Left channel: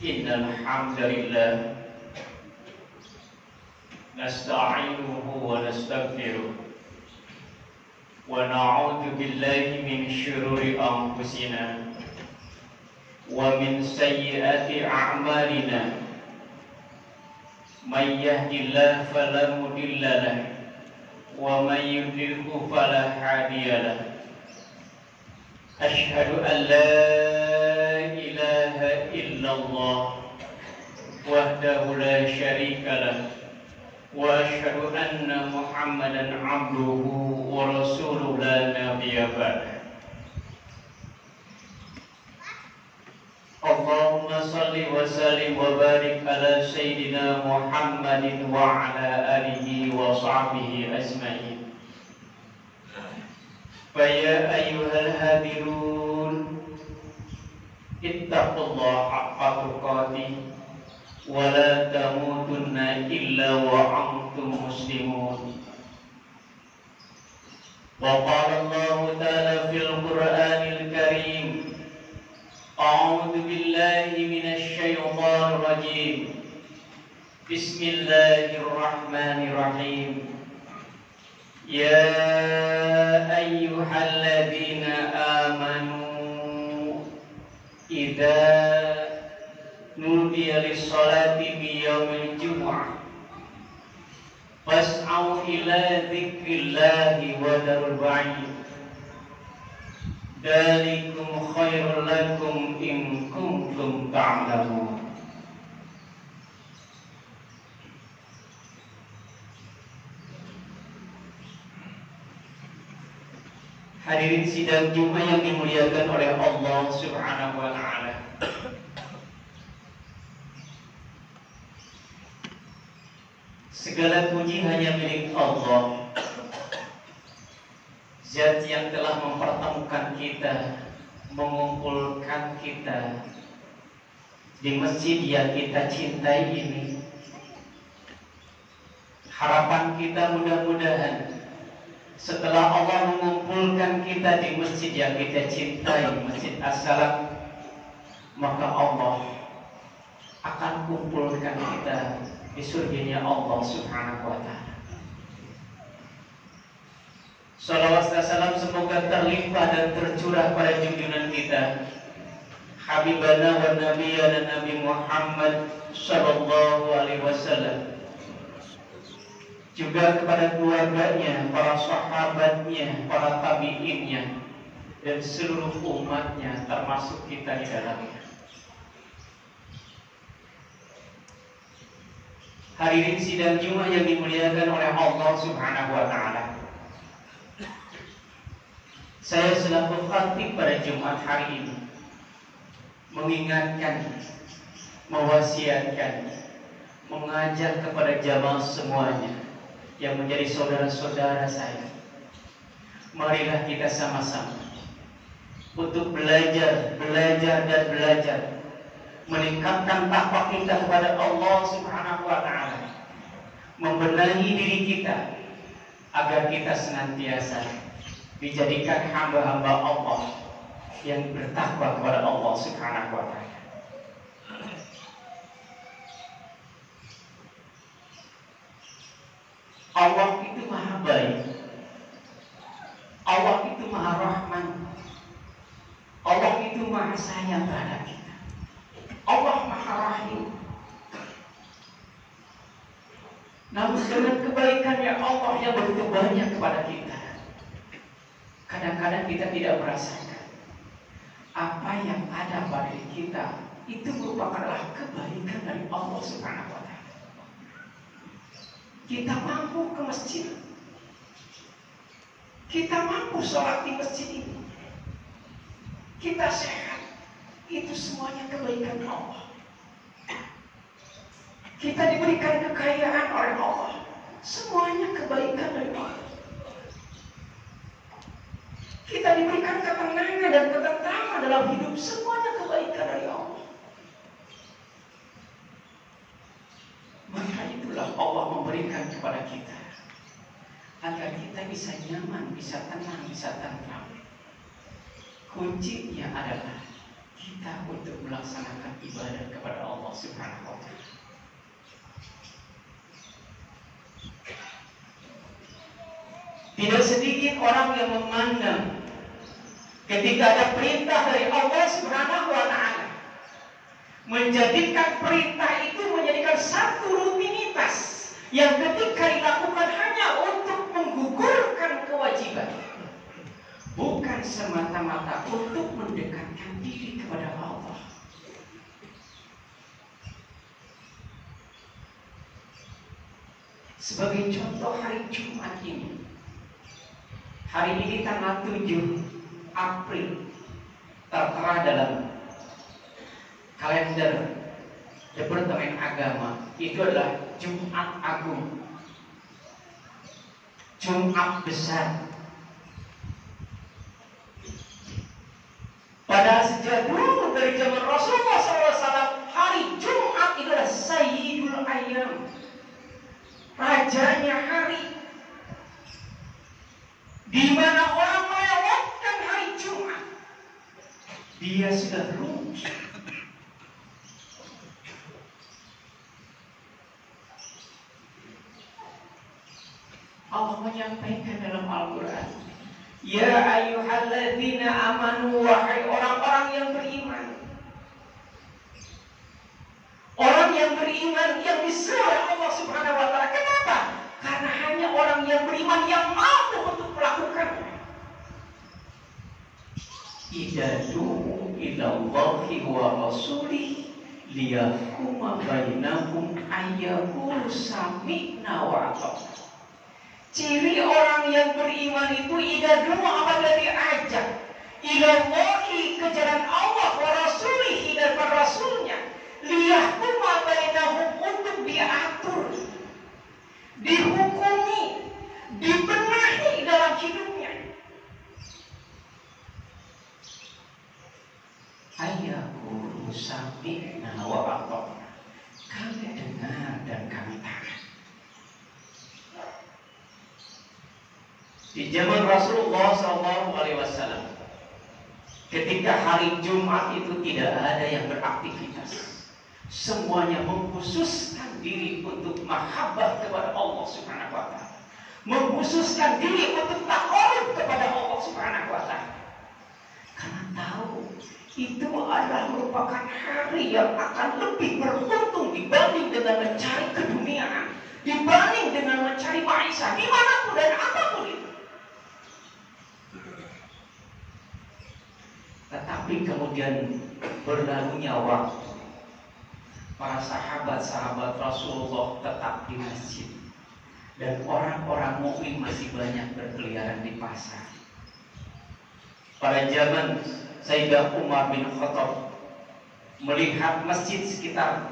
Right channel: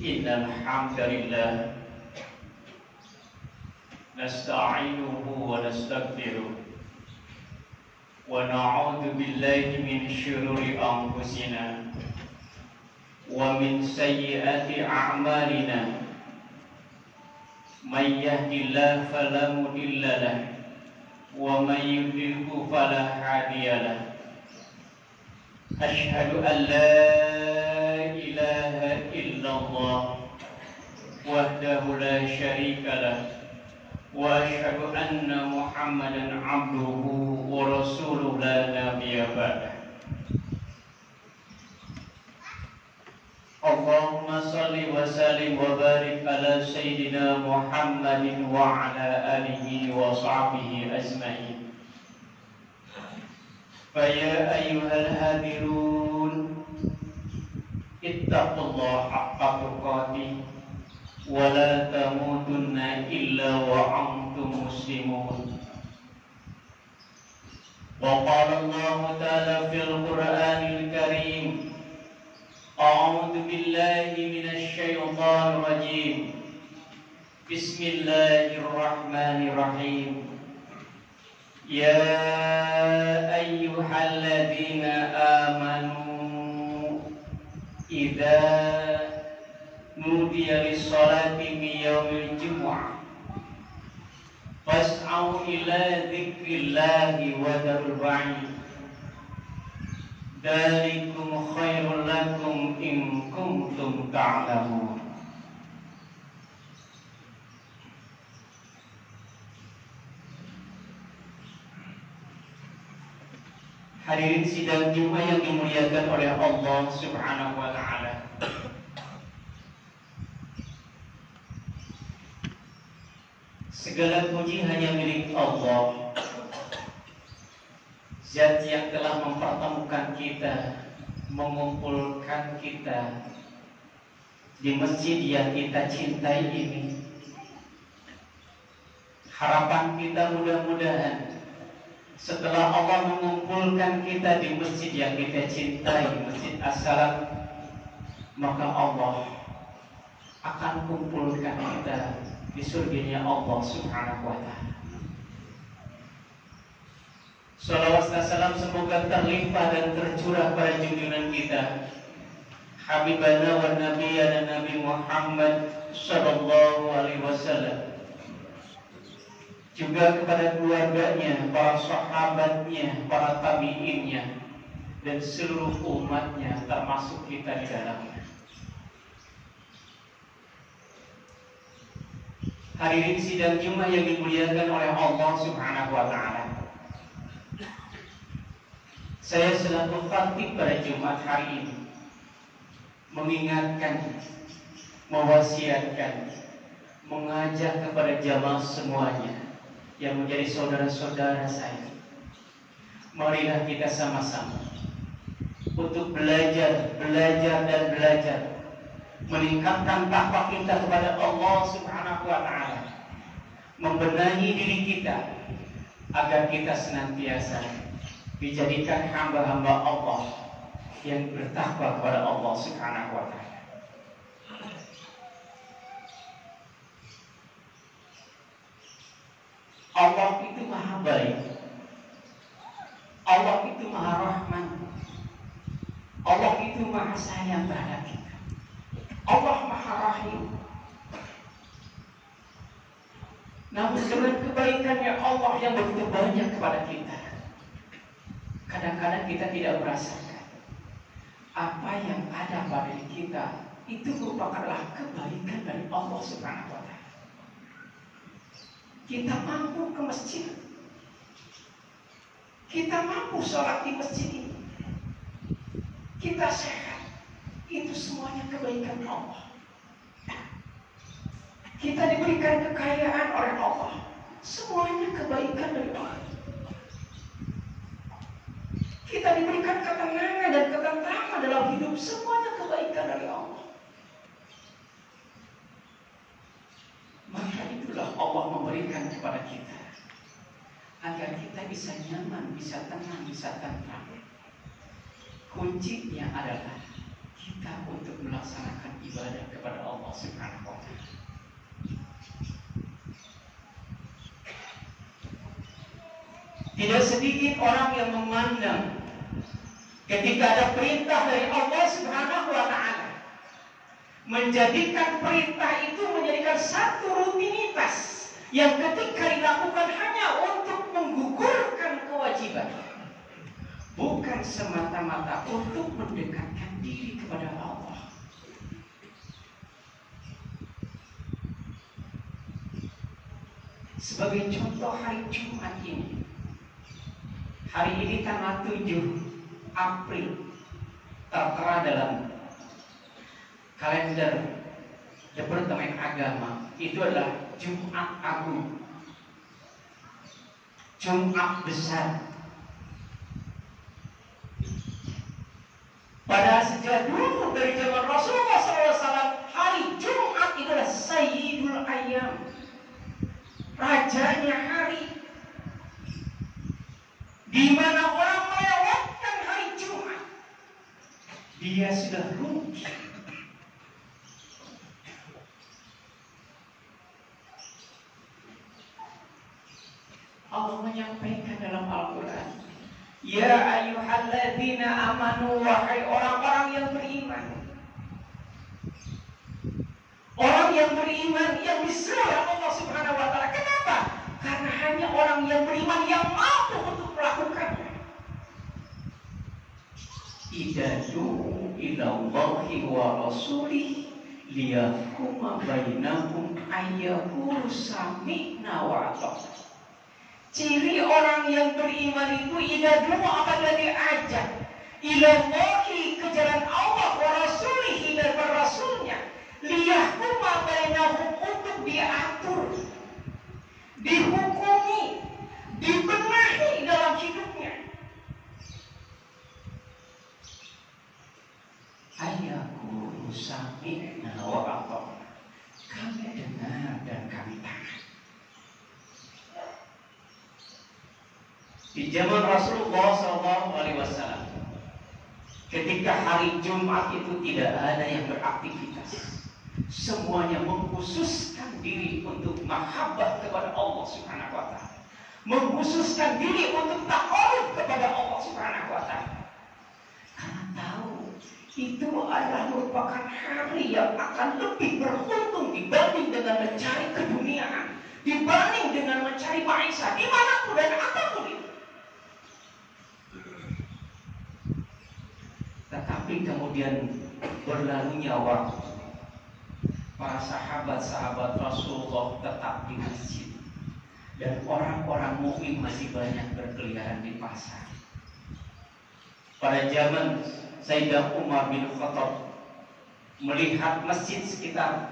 Innal hamdalillah nasta'inuhu wa nastaghfiruh wa na'udzu billahi min syururi anfusina wa min sayyiati a'malina may yahdihillahu fala mudilla lahu wa may yudlilhu fala hadiya lahu. Asyhadu an la ilaha illallah wahdahu la syarika lah wa asyhadu anna Muhammadan abduhu wa rasuluhu la nabiyya ba'dah. Allahumma salli wa sallim wa barik ala sayyidina Muhammadin wa ala alihi wa sahbihi ajma'in. Faya ayyuhal hadirun ittaqullaha haqqa tuqatih wa la tamutunna illa wa antum muslimun. Wa qala Allah ta'ala fil Qur'anil Karim, a'udzu billahi minasy syaithanir rajim. Bismillahirrahmanirrahim. Ya ayyuhalladzina amanu idza nudiya lis-salati min yaumil jumu'ah fas'au ila dzikrillahi wa dharul ba'id dzalikum khairul lakum in kuntum ta'lamun. Hadirin sidang Jumat yang dimuliakan oleh Allah Subhanahu wa ta'ala. Segala puji hanya milik Allah, Zat yang telah mempertemukan kita, mengumpulkan kita di masjid yang kita cintai ini. Harapan kita mudah-mudahan setelah Allah mengumpulkan kita di masjid yang kita cintai, Masjid As-Salam, maka Allah akan kumpulkan kita di surganya Allah Subhanahu wa ta'ala. Salawat dan salam semoga terlimpah dan tercurah pada junjungan kita, Habibana wa Nabiyana Nabi Muhammad sallallahu alaihi wasallam, juga kepada keluarganya, para sahabatnya, para tabi'innya, dan seluruh umatnya, termasuk kita di dalamnya. Hadirin sidang Jumat yang dimuliakan oleh Allah Subhanahu wa ta'ala, saya selaku khatib pada Jumat hari ini mengingatkan, mewasiatkan, mengajak kepada jamaah semuanya yang menjadi saudara-saudara saya, marilah kita sama-sama untuk belajar dan belajar meningkatkan takwa kita kepada Allah Subhanahu wa ta'ala, membenahi diri kita agar kita senantiasa dijadikan hamba-hamba Allah yang bertakwa kepada Allah Subhanahu wa ta'ala. Allah itu maha baik, Allah itu maha rahman, Allah itu maha sayang terhadap kita, Allah maha rahim. Namun dengan kebaikannya Allah yang begitu banyak kepada kita, kadang-kadang kita tidak merasakan apa yang ada pada diri kita itu merupakanlah kebaikan dari Allah Subhanahu wa ta'ala. Kita mampu ke masjid, kita mampu sholat di masjid ini, kita sehat, itu semuanya kebaikan Allah. Kita diberikan kekayaan oleh Allah, semuanya kebaikan dari Allah. Kita diberikan ketenangan dan ketentraman dalam hidup, semuanya kebaikan dari Allah. Maka itulah Allah memberikan kepada kita agar kita bisa nyaman, bisa tenang, bisa tentram. Kuncinya adalah kita untuk melaksanakan ibadah kepada Allah Subhanahu wa Ta'ala. Tidak sedikit orang yang memandang ketika ada perintah dari Allah Subhanahu wa Ta'ala, menjadikan perintah itu menjadikan satu rutinitas yang ketika dilakukan hanya untuk menggugurkan kewajiban, bukan semata-mata untuk mendekatkan diri kepada Allah. Sebagai contoh, hari Jumat ini, hari ini tanggal 7 April, tertera dalam kalender Departemen Agama, itu adalah Jumat Agung, Jumat Besar. Pada sejak dulu dari zaman Rasulullah SAW, hari Jumat itu adalah Sayyidul Ayyam, rajanya hari, di mana orang melewatkan hari Jumat, dia sudah rugi. Allah menyampaikan dalam Al-Quran, ya ayyuhalladzina amanu, wahai orang-orang yang beriman. Orang yang beriman yang disuruh oleh Allah Subhanahu wa Ta'ala. Kenapa? Karena hanya orang yang beriman yang mampu untuk melakukannya. Idadu ilallahi wa rasulih liyahkuma bainakum ayyakulu sami'na wa ata'na. Ciri orang yang beriman itu idadu apabila diajak ilallahi, ke jalan Allah, wa rasulih, dan rasulnya, liyahkuma bainahum, untuk diatur, dihukumi, dibenahi dalam hidupnya. Ayyakulu sami'na wa ata'na, kami dengar dan kami taat. Di zaman Rasulullah SAW, ketika hari Jumat itu tidak ada yang beraktivitas, semuanya mengkhususkan diri untuk mahabbah kepada Allah Subhanahu wa Ta'ala, mengkhususkan diri untuk takarub kepada Allah Subhanahu wa Ta'ala, karena tahu itu adalah merupakan hari yang akan lebih beruntung dibanding dengan mencari keduniaan, dibanding dengan mencari maisha dimanapun dan apapun itu. Tetapi kemudian berlalunya waktu, para sahabat-sahabat Rasulullah tetap di masjid, dan orang-orang mukmin masih banyak berkeliaran di pasar. Pada zaman Sayyidina Umar bin Khattab melihat masjid sekitar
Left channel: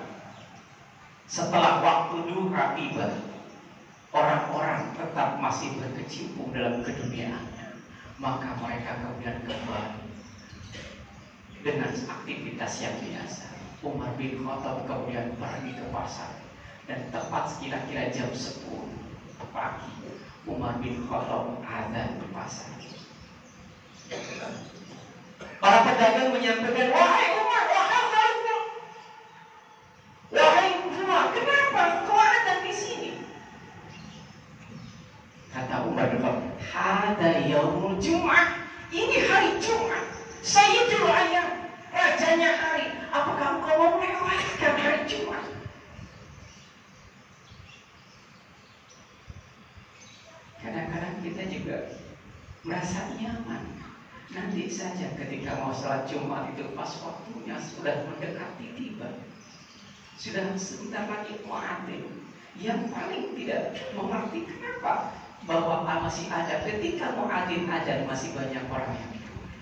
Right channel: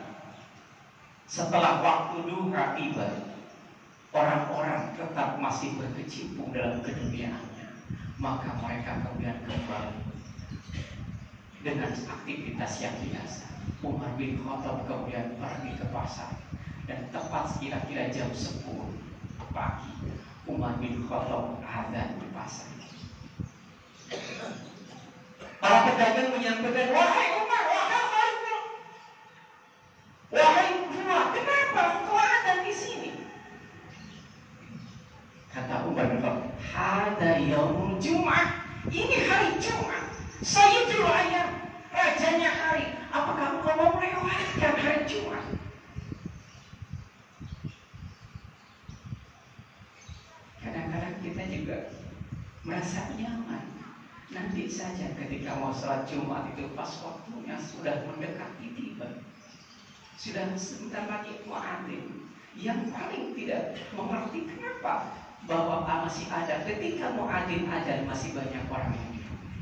setelah waktu duha tiba, orang-orang tetap masih berkecimpung dalam keduniaannya, maka mereka kemudian kembali dengan aktivitas yang biasa. Umar bin Khattab kemudian pergi ke pasar, dan tepat kira-kira jam 10 pagi Umar bin Khattab azan di pasar. Para pedagang menyampaikan, wahai Umar, wahai Umar, kenapa engkau azan di sini? Kata Umar bin Khattab, hada yaumul Jum'ah, ini hari Jumat, Sayyidul Ayyam, rajanya hari. Apakah engkau mau melewatkan hari Jumat? Kadang-kadang kita juga merasa nyaman. Nanti saja ketika mau sholat Jumat itu pas waktunya sudah mendekati tiba, sudah sebentar lagi muadzin. Yang paling tidak mengerti kenapa bahwa masih ada ketika muadzin azan masih banyak orang yang di rumah.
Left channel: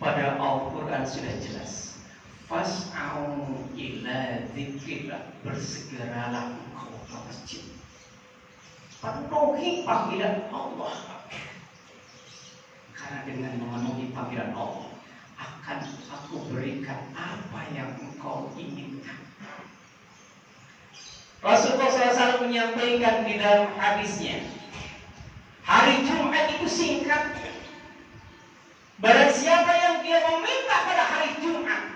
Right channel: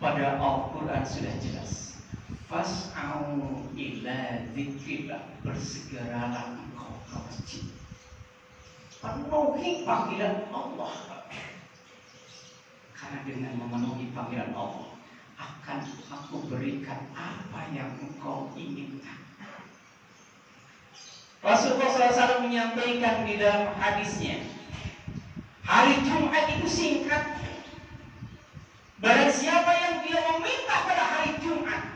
Pada Al-Quran sudah jelas, fas'au ila dzikrillah, bersegeralah engkau ke masjid, penuhi panggilan Allah, karena dengan memenuhi panggilan Allah akan aku berikan apa yang engkau inginkan. Rasulullah SAW menyampaikan di dalam hadisnya, hari Jumat itu singkat, Barang siapa yang dia meminta pada hari Jumat,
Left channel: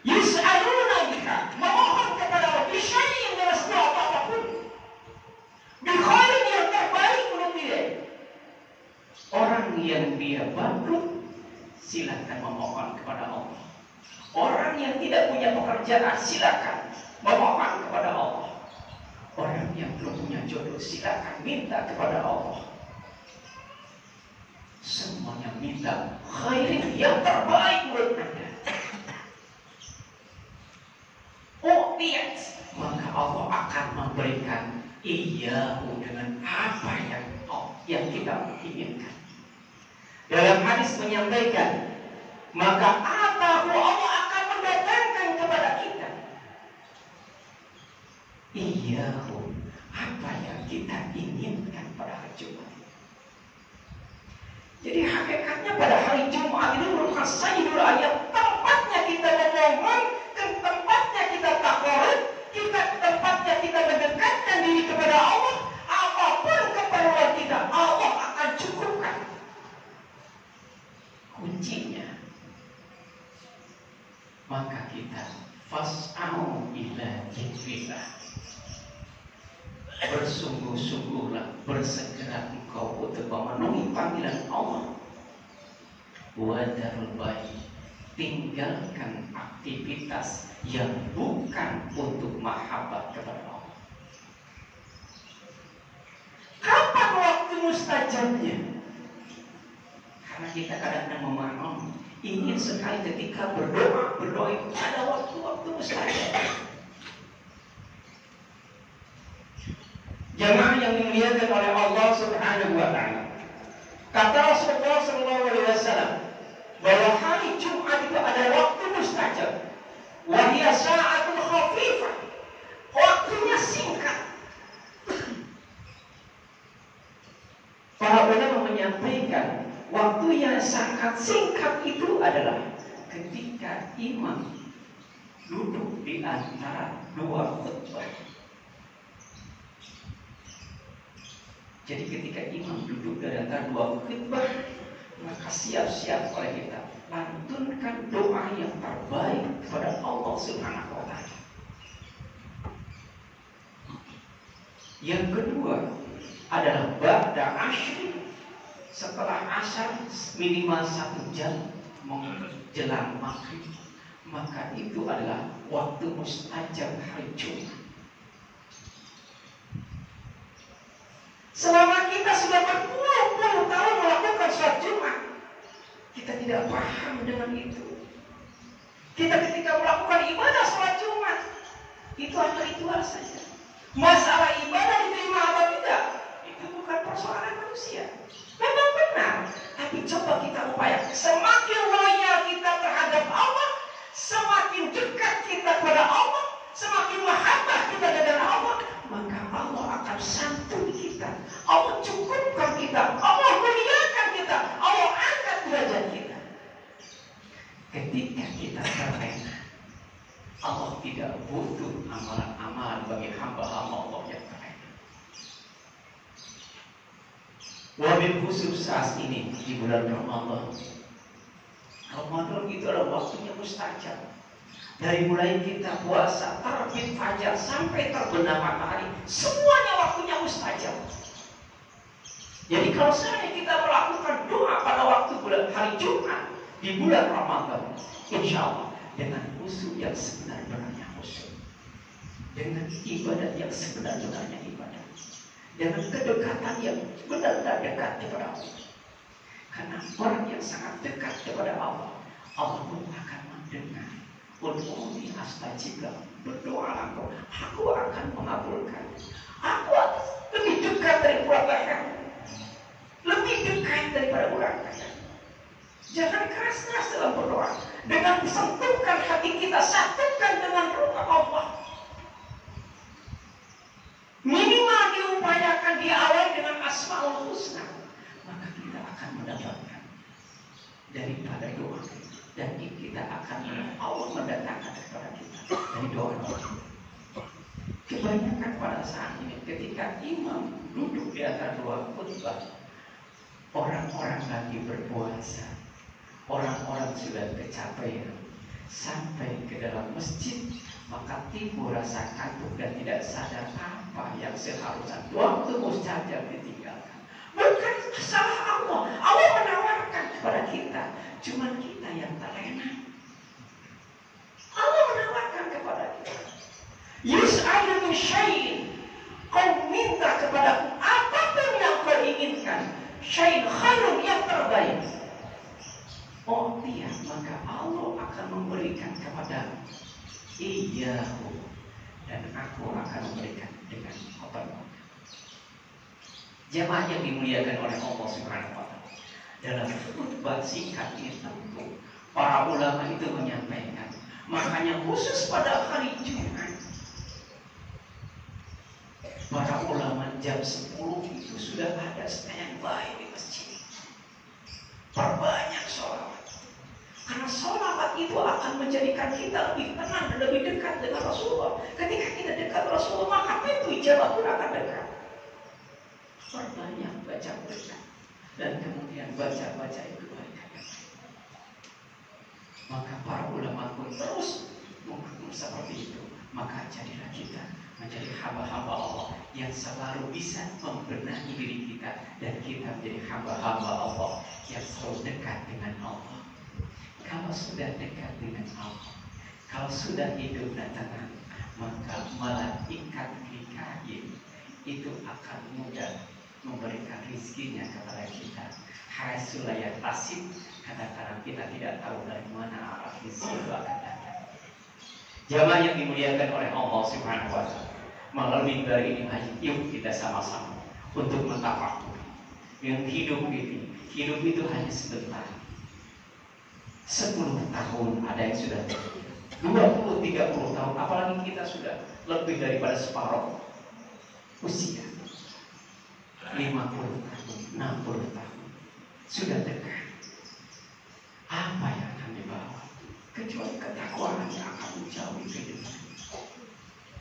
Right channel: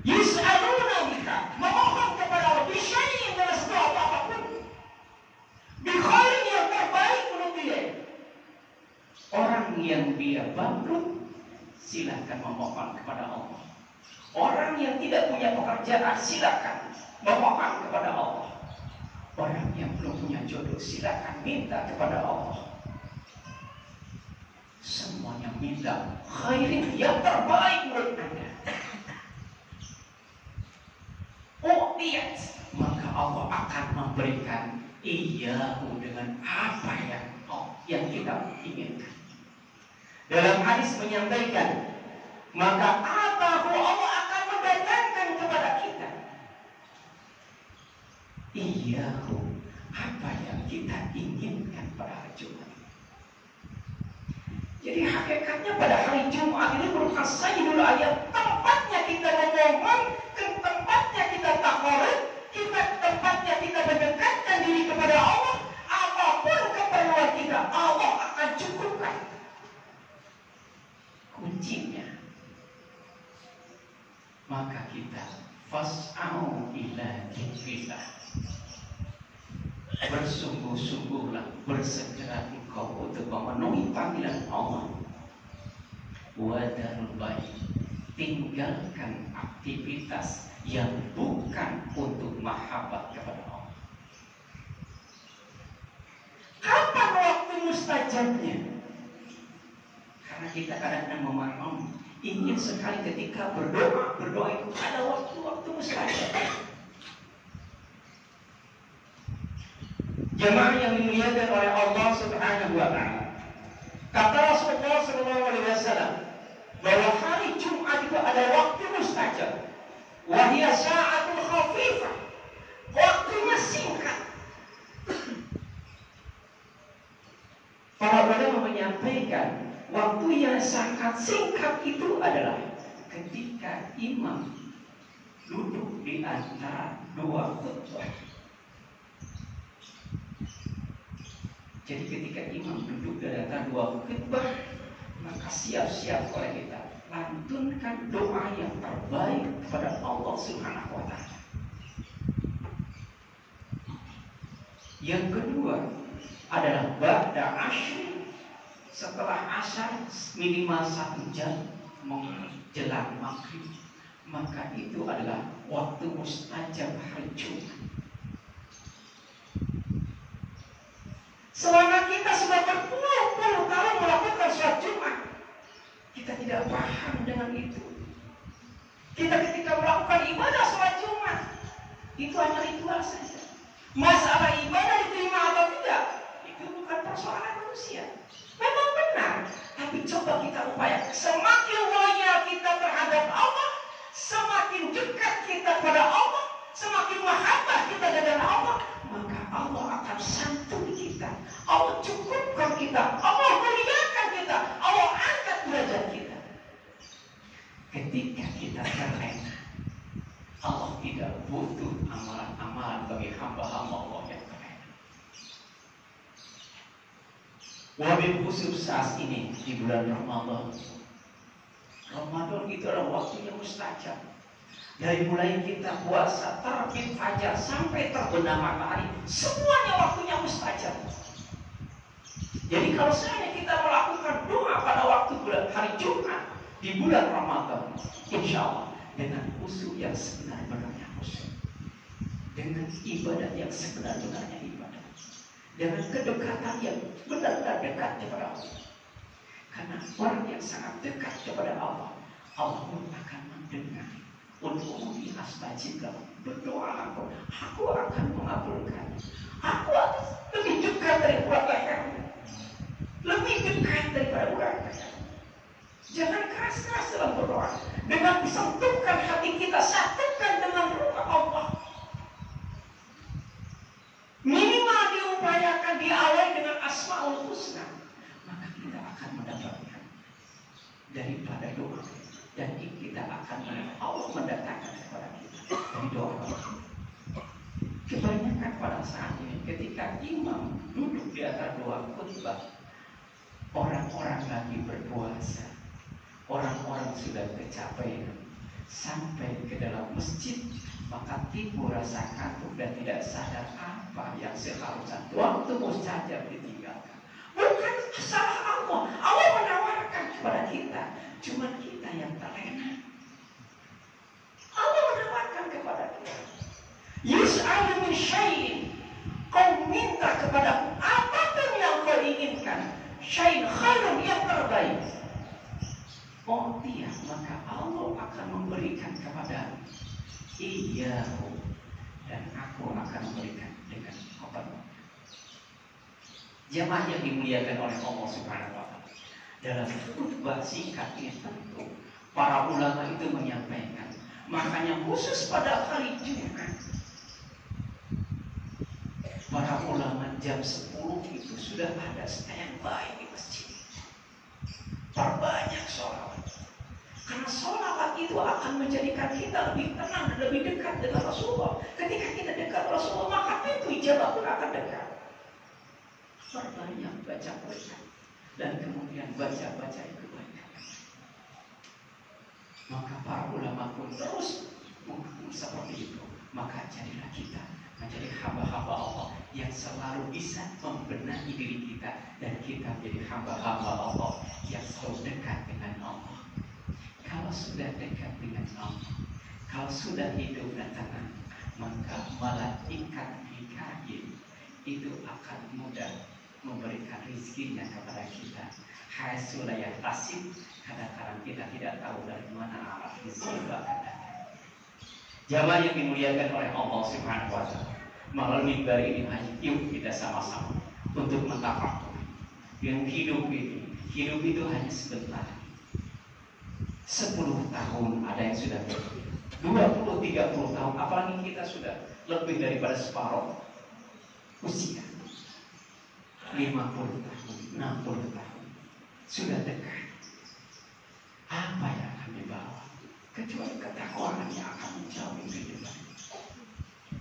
yus'aluna biha, memohon kepada Allah bisyai'in dengan sesuatu apapun, bikhairin yang terbaik menurut dia. Orang yang dia bangkrut, silakan memohon kepada Allah. Orang yang tidak punya pekerjaan, silakan memohon kepada Allah. Orang yang belum punya jodoh, silakan minta kepada Allah. Semuanya minta khairin yang terbaik menurut Anda. Oh lihat, maka Allah akan memberikan iyahu dengan apa yang kita inginkan. Dalam hadis menyampaikan, maka atahu, Allah akan mendatangkan kepada kita iyahu, apa yang kita inginkan pada hari Jumat. Jadi hakikatnya pada hari Jumat ini merupakan sayyidul ayat, tempatnya kita memohon, tempatnya kita takarrub, tempatnya kita mendekatkan diri kepada Allah. Apapun keperluan kita, Allah akan cukupkan. Kuncinya, maka kita fas'au ila dzikrillah, bersungguh-sungguhlah, bersegera engkau untuk memenuhi panggilan Allah. Wadarul baik, tinggalkan aktivitas yang bukan untuk mahabbah kepada Allah. Kapan waktu mustajabnya? Karena kita kadang-kadang memahami, ingin sekali ketika berdoa itu ada waktu-waktu mustajab. Jamaah yang dimuliakan oleh Allah Subhanahu wa Ta'ala, kata Rasulullah SAW bahwa hari Jumat itu ada waktu mustajab. Wa hiya sa'atul khafifah, waktunya singkat. Para ulama menyampaikan waktu yang sangat singkat itu adalah ketika imam duduk di antara dua khutbah. Jadi ketika imam duduk di antara dua khutbah, maka siap-siap oleh kita lantunkan doa yang terbaik kepada Allah Subhanahu wa Ta'ala. Yang kedua adalah ba'da asyri, setelah asar minimal 1 jam menjelang maghrib, maka itu adalah waktu mustajab hari Jumat. Selama kita sudah berpuluh-puluh tahun melakukan sholat Jumat, kita tidak paham dengan itu. Kita ketika melakukan ibadah sholat Jumat, itu hanya ritual saja. Masalah ibadah diterima atau tidak, itu bukan persoalan manusia. Memang benar, tapi coba kita upayakan. Semakin loyal kita terhadap Allah, semakin dekat kita pada Allah, semakin mahabbah kita dengan Allah, maka Allah akan santun kita, Allah cukupkan kita, Allah muliakan kita, Allah angkat derajat kita. Ketika kita terlena, Allah tidak butuh amalan-amalan bagi hamba-hamba Allah yang terlena. Wabil khusus saat ini di bulan Ramadan. Ramadan itu adalah waktunya mustajab. Dari mulai kita puasa, terbit fajar sampai terbenam matahari, semuanya waktunya mustajab. Jadi kalau misalnya kita melakukan doa pada waktu bulan hari Jumat di bulan Ramadan, insya Allah dengan khusyuk yang sebenar-benarnya khusyuk, dengan ibadat yang sebenar-benarnya ibadat, dengan kedekatan yang benar-benar dekat kepada Allah. Karena orang yang sangat dekat kepada Allah, Allah pun akan mendengar. Ud'uni astajib lakum, berdoalah engkau, aku akan mengabulkan. Aku lebih dekat dari keluarga kamu, lebih dekat daripada keluarga kamu. Jangan keras-keras dalam berdoa. Dengan sentuhkan hati kita, satukan dengan ruh Allah. Minimal diupayakan diawali dengan Asmaul Husna, maka kita akan mendapatkan daripada doa. Dan kita akan Allah mendatangkan kepada kita dari doa. Kebanyakan pada saat ini ketika imam duduk di antara dua khutbah, orang-orang lagi berpuasa, Orang-orang sudah kecapean sampai ke dalam masjid, maka timbul rasa kantuk dan tidak sadar apa yang seharusnya waktu mustajab ditinggalkan. Bukan salah Allah. Allah menawarkan kepada kita, cuma kita yang terlena. Allah menawarkan kepada kita. Yus'alu min syai'in. Kau minta kepada apapun yang kau inginkan, syai'in khairun, yang terbaik. Oh dia, maka Allah akan memberikan kepada iyahu, dan aku akan memberikan dengan penuh. Jemaah yang dimuliakan oleh Allah Subhanahu wa Ta'ala, dalam khutbah singkat ini tentu para ulama itu menyampaikan, makanya khusus pada hari Jumat para ulama jam 10 itu sudah ada standby di masjid. Perbanyak sholawat. Karena sholawat itu akan menjadikan kita lebih tenang dan lebih dekat dengan Rasulullah. Ketika kita dekat Rasulullah, maka pintu ijabah pun akan dekat. Perbanyak baca Quran dan kemudian baca itu banyak. Maka para ulama pun terus mengatur seperti itu. Maka jadilah kita menjadi hamba-hamba Allah yang selalu bisa membenahi diri kita, dan kita menjadi hamba-hamba Allah yang selalu dekat dengan Allah. Kalau sudah dekat dengan Allah, kalau sudah hidup dan tenang, maka malaikat hikayat itu akan mudah memberikan rizkinya kepada kita. Haisulayah tasib, kadang-kadang kita tidak tahu dari mana arah rizki itu akan datang. Jamaah yang dimuliakan oleh Allah Subhanahu wa Ta'ala, melalui dari ini yuk kita sama-sama untuk mentafakuri yang hidup itu hanya sebentar. 10 tahun ada yang sudah 20-30 tahun, apalagi kita sudah lebih daripada separuh usia. 50 tahun, 60 tahun sudah dekat. Apa yang akan dibawa? Kecuali ketakwaan yang akan menjauhi kehidupan.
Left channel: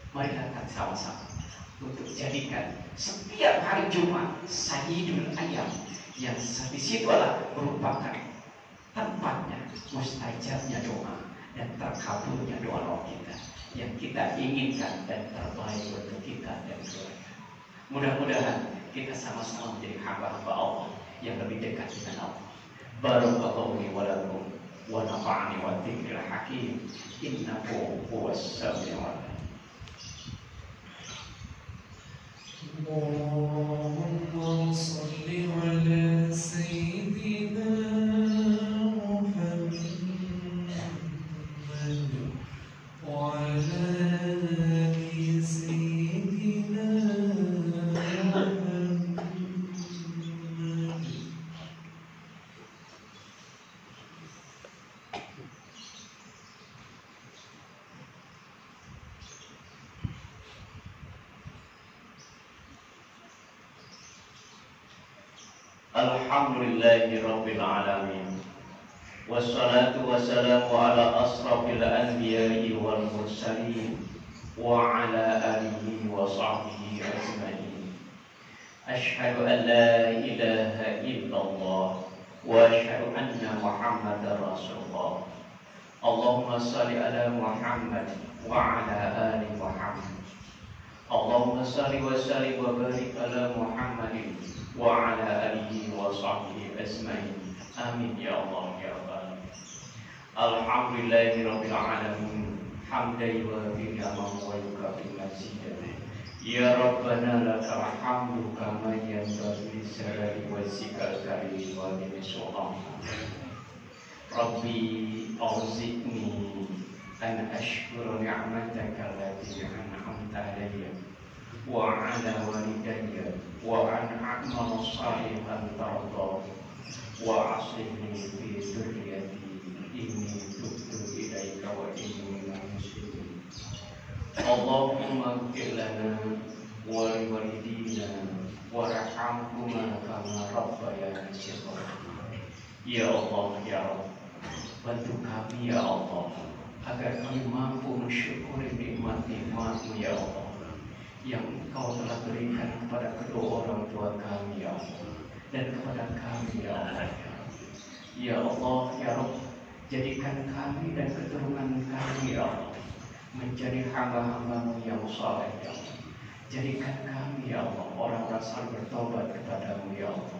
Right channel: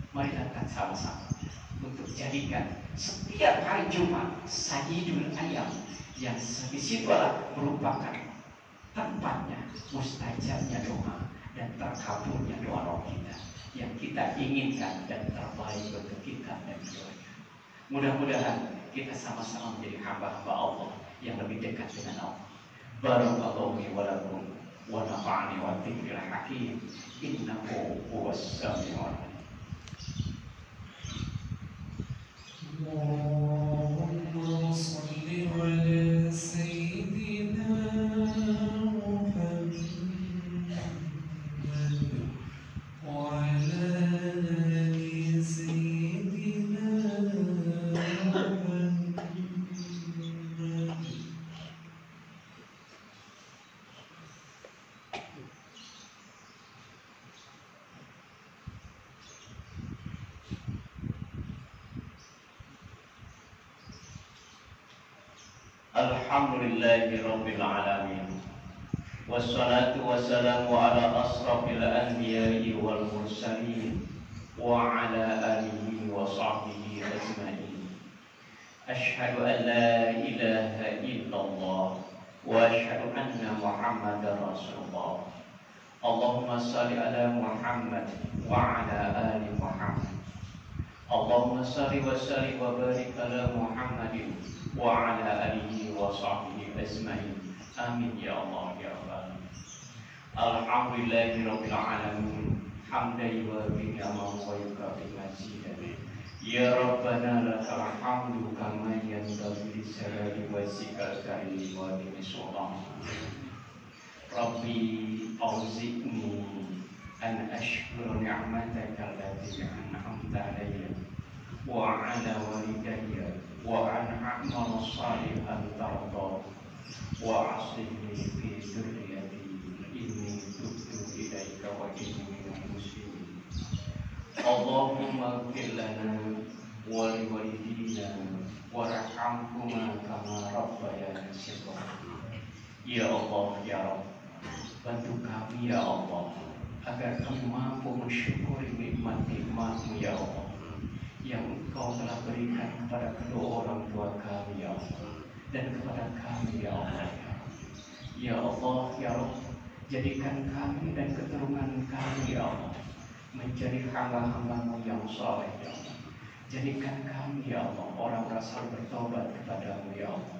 Mari kita sama-sama untuk jadikan setiap hari Jumat Sayyidul Ayyam, yang di situ adalah merupakan tempatnya mustajabnya doa dan terkabulnya doa kita yang kita inginkan dan terbaik untuk kita dan keluarga. Mudah-mudahan kita sama-sama menjadi hamba-hamba Allah yang lebih dekat dengan Allah. Barakallahu li wa lakum wa nafa'ani wa dzikril hakim, innahu huwas samiul alim. Allahumma shalli ala sayyidina Muhammad wa ala ali sayyidina Muhammad. Alhamdulillahi Rabbil Alamin, wassalatu wassalamu ala asrafil anbiya'i wal mursalin wa ala alihi wa sahbihi ajma'in. Ashhadu an la ilaha illallah wa ashhadu anna Muhammadar Rasulullah. Allahumma salli ala Muhammad wa ala ali Muhammad. Allahumma salli wa sallim wa barik ala Muhammadin wa ala alihi wa sahbihi ajma'in. Amin ya Allah ya Rabbal alamin. Alhamdulillahi rabbil alamin, hamdan wa ni'man wa yukafi mazidah. Ya Rabbana lakal hamdu kama yanbaghi li jalali wajhikal karim wa li sultan. Rabbi auzi'ni an ashkura ni'mataka allati an'amta alayya wa ala walidayya wa an a'mal salihan tarda wa aslihni fi dhurriyyati inni tubtu ilaika wa inni minal muslimin. Allahumma ighfir lana wa li walidina warhamhuma kama rabbayani shaghira. Ya Allah ya Rabb, bantu kami ya Allah agar kami mampu mensyukuri nikmat-nikmat-Mu ya Allah yang Engkau telah berikan kepada kedua orang tua kami ya Allah, dan kepada kami ya Allah. Ya Allah, ya Rabb, jadikan kami dan keturunan kami ya Allah menjadi hamba-hamba-Mu yang saleh ya Allah. Jadikan kami ya Allah orang-orang yang bertobat kepadamu ya Allah.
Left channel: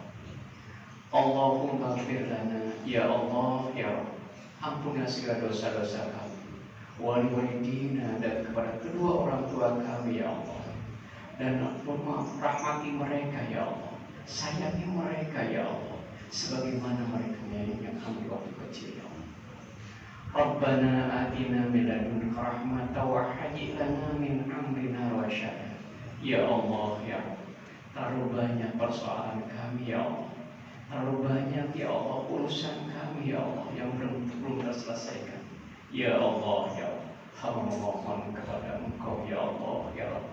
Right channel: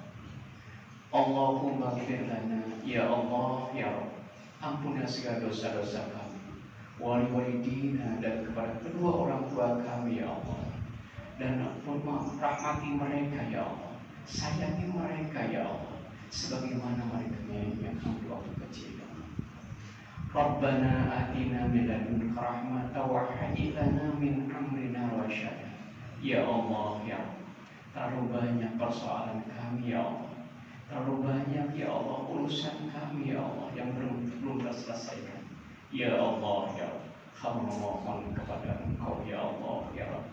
Allahumma ighfir lana ya Allah ya Rabb, ampunilah segala dosa-dosa kami, wali walidina, dan kepada kedua orang tua kami ya Allah, dan ampun rahmati mereka ya Allah, sayangi mereka ya Allah sebagaimana mereka menyayangi kami waktu kecil ya Allah. Rabbana atina min ladunka rahmatan wa hayyi lana min amrina rasyada. Ya Allah ya Allah, terlalu banyak persoalan kami ya Allah, terlalu banyak ya Allah urusan kami ya Allah yang belum terselesaikan. Ya Allah ya Allah, hamba memohon kepada Engkau ya Allah ya Allah,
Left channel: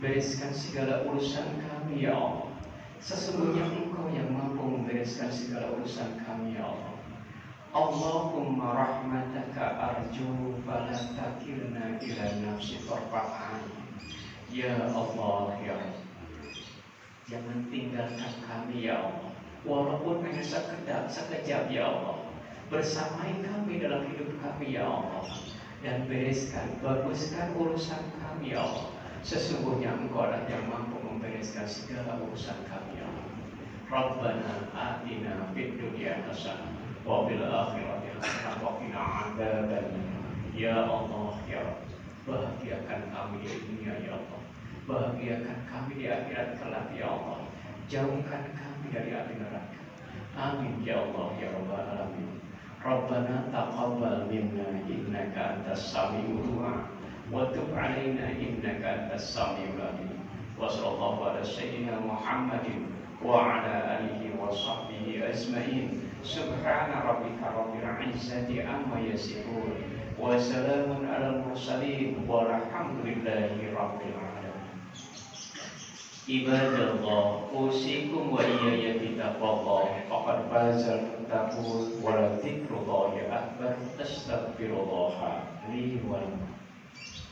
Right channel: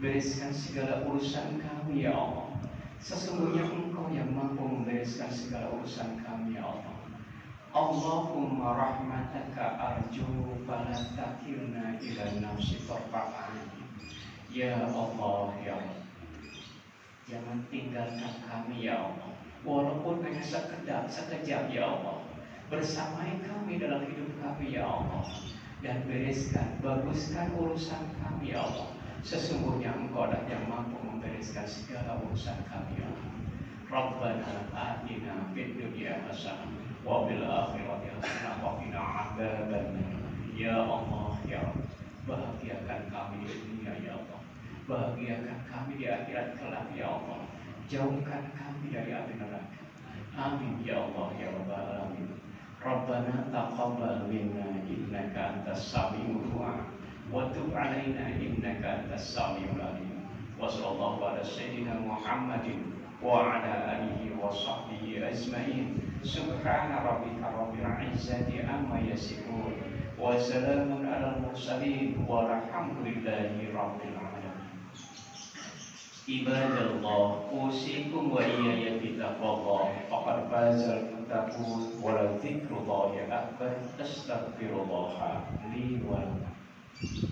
bereskan segala urusan kami ya Allah. Sesungguhnya Engkau yang mampu membereskan segala urusan kami ya Allah. Allahumma rahmataka arju fala takilna ila nafsi tarfa'an. Ya Allah ya Allah, jangan tinggalkan kami ya Allah, walaupun hanya sekejap ya Allah. Bersamai kami dalam hidup kami ya Allah, dan baguskan urusan kami ya Allah. Sesungguhnya Engkau adalah yang mampu membereskan segala urusan kami ya Allah. Rabbana atina fid dunya hasanah wa fil akhirati hasanah wa qina adzabannar. Ya Allah ya Rabb, bahagiakan kami di dunia ya Allah, bahagiakan kami di akhirat kelak ya Allah, jauhkan kami dari api neraka. Amin ya Allah ya Rabbal alamin. Rabbana taqabbal minna innaka antas samiul du'a wa tub 'alaina innaka antas samiul alim. Wa sallallahu ala sayyidina Muhammadin wa ala alihi wa sahbihi ajma'in. Subhana rabbika rabbil 'izzati amma yasifun wa salamun 'alal mursalin walhamdulillahi rabbil alamin. Ibadallah, usikum wa iyaya bitaqallah, faqad fazal muttaqun, wa la dzikrullahi akbar. Astaghfirullah li wa lakum.